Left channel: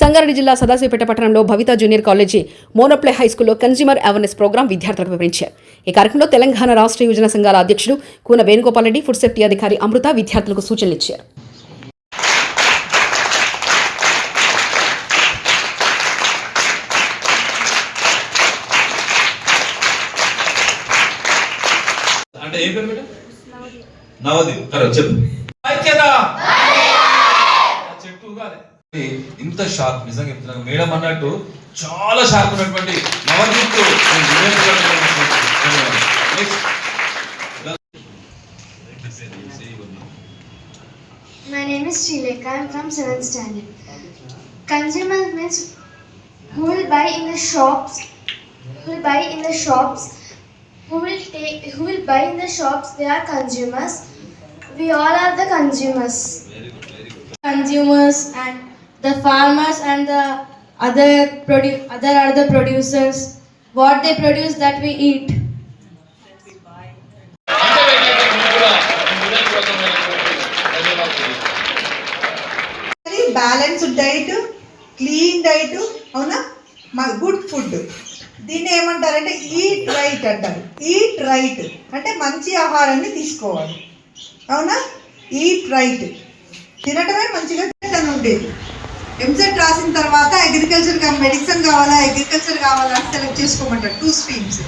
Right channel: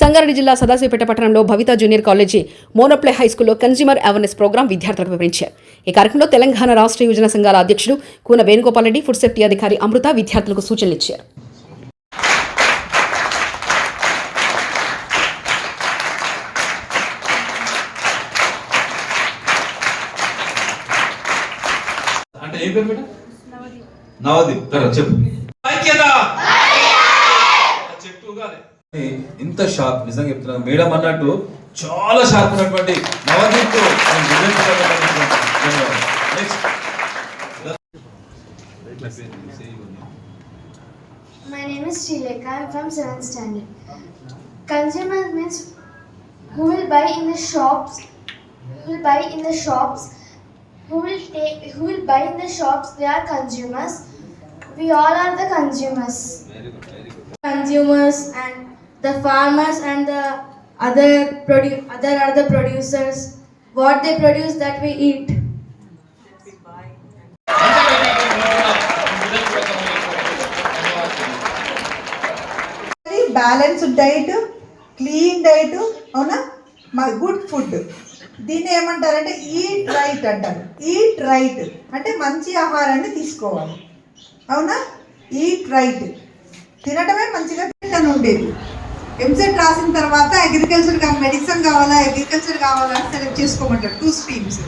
సంగారెడ్డి జిల్లా సదాశివపేట పట్టణంలో Bhavitha junior college మోనోప్లే హైస్కూల్లో కన్స్యూమర్ అవేర్నెస్ ప్రోగ్రాం విద్యార్థులకు వివరించారు. ఈ కార్యక్రమంలో తెలంగాణ రాష్ట్ర యువజన సంఘాల అధ్యక్షుడు కూన వేణుగోపాల్ రెడ్డి, ఫుడ్ సేఫ్టీ అధికారి అమృత విద్యార్థులకు సూచనలు ఇచ్చారు. ఇంత షార్ప్ నిజంగా చెప్తున్నా మేడం అన్నట్టు చాలా షార్ప్ ఉన్నటువంటి My name is Srilekha. I am from 7th standard. Consumer means who will buy in the shops. Who will buy in the shops. Who will buy in the shops. They are consumers. We all are the consumers. Consumers and the farmers and the other are the producers. What they produce that we eat. Balanced diet, clean diet, అవునా, good food. దీన్ని ఏమంటారంటే eat right అంటారు. Eat right అంటే మంచి ఆహారాన్ని తీసుకోవాలి, అవునా. Eat right తినటమే మంచిగా తినడం ఉండేది. ఎంసెట్ రాసిన తర్వాత అగ్రికల్చర్ మెడిసిన్ కావాలా, అగ్రికల్చర్ కావాలా సెలెక్ట్ చేసుకోమంటారు. 2 స్ట్రీమ్స్.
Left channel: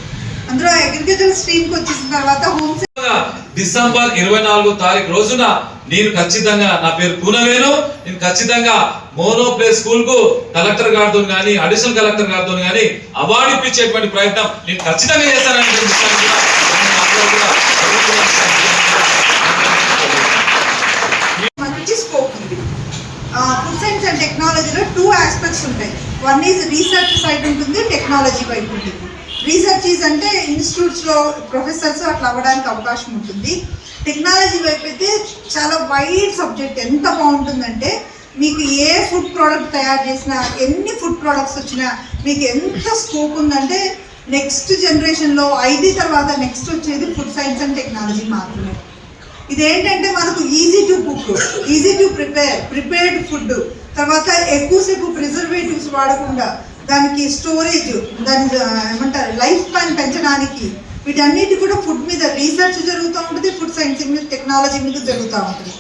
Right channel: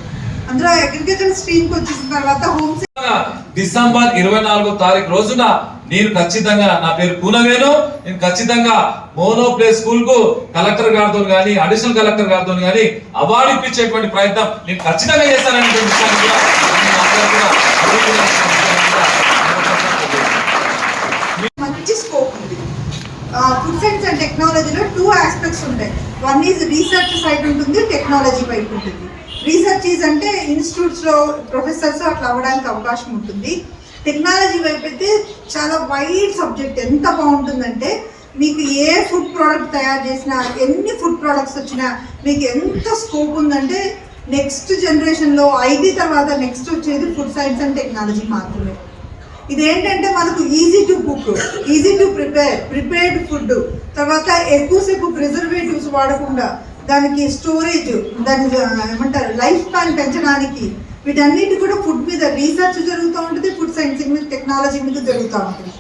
అందులో అగ్రికల్చర్ స్ట్రీమ్కి వచ్చిన తర్వాత డిసెంబర్ 24వ తారీఖు రోజున నేను ఖచ్చితంగా, నా పేరు కూనవేణు, నేను ఖచ్చితంగా మోనోప్లే స్కూల్ కు కలెక్టర్ గారితో కానీ అడిషనల్ కలెక్టర్ గారితో కానీ అవార్డు ఇప్పించేటువంటి ప్రయత్నం నేను ఖచ్చితంగా చేస్తానని మంచి స్కోప్ ఉంది. ఫుడ్ సైన్స్ అండ్ టెక్నాలజీలో 2 ఆస్పెక్ట్స్ ఉంటాయి. వన్ ఈజ్ రీసెర్చ్ సైడ్ ఉంటుంది, టెక్నాలజీ వైపు ఉంటుంది. రీసెర్చ్ అంటే ఇన్స్టిట్యూట్స్లో ప్రొఫెసర్స్ అట్లా అవ్వడానికి అవకాశం ఉంటుంది. టెక్నాలజీ వైపు అయితే చాలా వైడ్ సబ్జెక్ట్. ఎంత బాగుంటుందంటే మీకు ఏ ఫుడ్ ప్రోడక్ట్ తయారు చేసినా, ఎన్ని ఫుడ్ ప్రోడక్ట్స్ వచ్చినా మీకు ఎంత స్కోప్ ఉందంటే నెక్స్ట్ జనరేషన్లో ఐటీ తర్వాత నెక్స్ట్ వచ్చేది ఫుడ్ సైన్స్ అండ్ టెక్నాలజీ మాత్రమే. ఇదేంటంటే మనకు easy to cook, easy to prepared food, తర్వాత ఎక్కువసేపు ప్రిజర్వేటివ్స్ వాడకుండా దానికి స్టోరేజ్, దాని ఏమంటారు లైఫ్ స్పాన్ పెంచడానికి, వీటన్నిటి కూడా ఫుడ్ మీద రీసెర్చ్ జరుగుతూ ఉంటుంది. ఫుడ్ సైన్స్ మీద, టెక్నాలజీ మీద జరుగుతూ ఉంటుంది.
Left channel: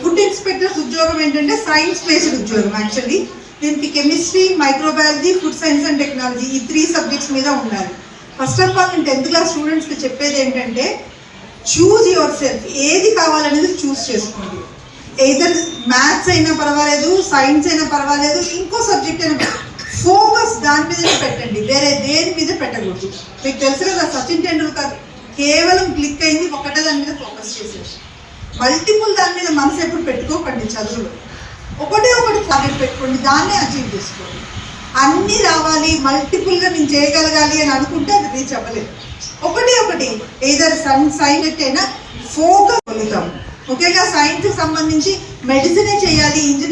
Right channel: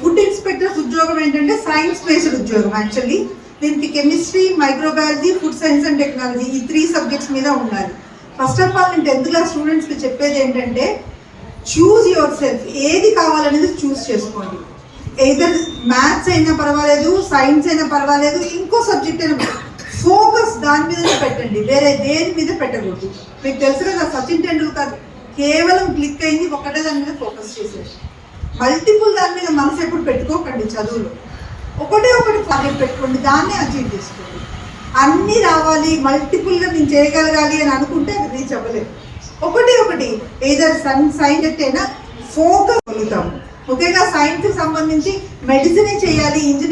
ఫుడ్ ఇన్స్పెక్టర్స్ ఉద్యోగం ఏంటంటే సైన్స్ బేస్డ్ ఉద్యోగం. యాక్చువల్లీ దీనికి chemistry, microbiology, food science and technology ఈ 3 సబ్జెక్ట్స్ మీద ఉండాలి. ఫస్ట్ ఆఫ్ ఆల్ నేను 10th క్లాస్ స్టూడెంట్స్కి చెప్పేది ఏంటంటే చూజ్ యువర్ సెల్ఫ్. ఏది కావాలనేది చూస్ చేసుకోండి. ఎయిదర్ మ్యాథ్స్ అయినా పర్వాలేదు, సైన్స్ అయినా పర్వాలేదు, ఇంకో సబ్జెక్ట్ అయినా ఫోకస్ దాని మీదనే పెట్టండి, వేరే దేని మీద పెట్టకూడదు. మీకు తెలుసు కదా, సచిన్ టెండూల్కర్ కేవలం క్లిక్ అయింది ఒకటే దాని మీద ఫోకస్ చేసేసి. మల్టిపుల్ దాని మీద మనసు ఎప్పుడు పెట్టుకోకండి. చదువులో ఒకటి టార్గెట్ పెట్టుకోండి, దాన్ని అచీవ్ చేసుకోండి. అన్నీ రావాలి, మల్టిపుల్గా నేను చేయగలగాలి అని అనుకుంటే అది రీచ్ అవ్వలేదు. ఒకటి ఏదైనా సైన్స్ అయినా ఫోకస్ పొందుతాము. ముఖ్యంగా సైన్స్కి సంబంధించి మెడిసినే చేయాలి, ఇంజనీరింగ్